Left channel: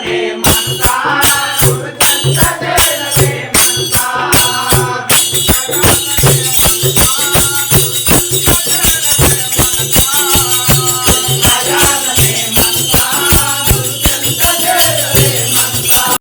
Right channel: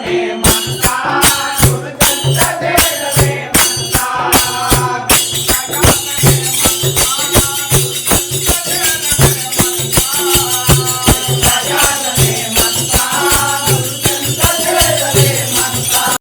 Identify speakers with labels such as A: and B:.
A: Ipanema